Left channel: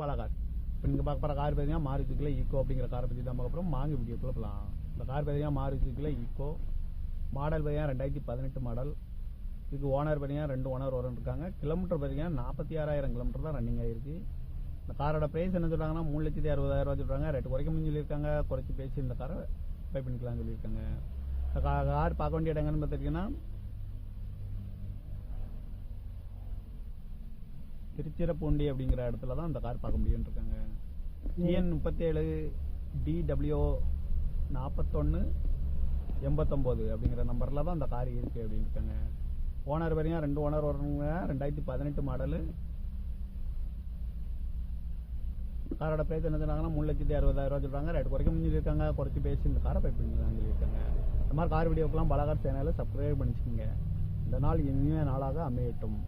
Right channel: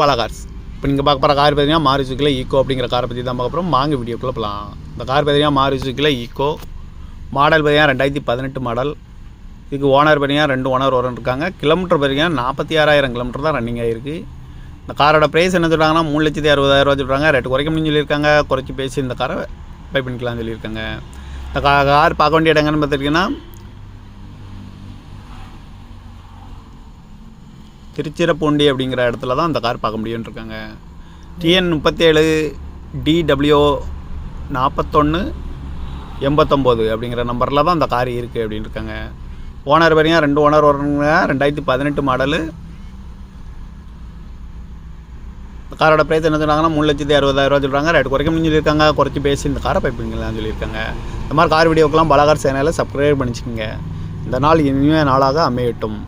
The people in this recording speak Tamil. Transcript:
பாலா கார்ஸ். இப்போ நீங்கள் பார்க்க போகிற கார் பார்த்தீங்கன்னா மாருதியில் ஈக்கோ அப்படிங்கிற காரை பற்றி தான் பார்க்க போகிறோம். வாங்க வீடியோக்குள்ளே போகலாம். இந்த கார் பார்த்தீங்கன்னா மாருதியில் ஈக்கோ மாடல் பார்த்தீங்கன்னா 2018 மாடல். இதுக்கு ஓனர் பார்த்தீங்கன்னா 2 ஓனர் இருக்காங்க. கிலோமீட்டர் பார்த்தீங்கன்னா 46,000 கிலோமீட்டர் தான் ரன்னிங் ஆகிருக்கு. இந்த காரோட ப்ரைஸ் என்ன சொல்கிறாங்கன்னா 3,60,000 சொல்கிறாங்க. ரேட்டு குறைக்க முடியும்னு சொல்லியிருக்காங்க. குறைச்சி பேசி இந்த காரை பை பண்ணிக்கலாம்னு சொல்லியிருக்காங்க. இந்த கார் பார்க்க வேண்டிய இடங்கன்னு பார்த்துட்டிங்கன்னா திருச்சிராப்பள்ளி அப்படிங்கிற இடத்துல தான் அந்த கார் பார்க்க முடியும்னு இருக்காங்க. TN 37 DW 4189 அப்படிங்கிற நம்பரில் தான் அந்த கார் இருக்குது அப்படின்னு இருக்காங்க. ஓனர் பார்த்தீங்கன்னா 2 ஓனர் வருங்க. 2018 மாடலு. இந்த காரோட ப்ரைஸ் என்ன சொன்னாங்கன்னா 3,60,000 சொல்கிறாங்க. ரேட்டு குறைக்க முடிஞ்சு சொல்லியிருக்காங்க. குறைச்சி பேசி இந்த காரை பைப்பிங்களான்னு சொல்லியிருக்காங்க. இந்த மாதிரி கார் வீடியோக்கெல்லாம் பாலா கார் சேனலை சப்ஸ்கிரைப் பண்ணிச்சுக்கோங்க. இந்த நாள் இனிமே நாளாக அமையட்டும்.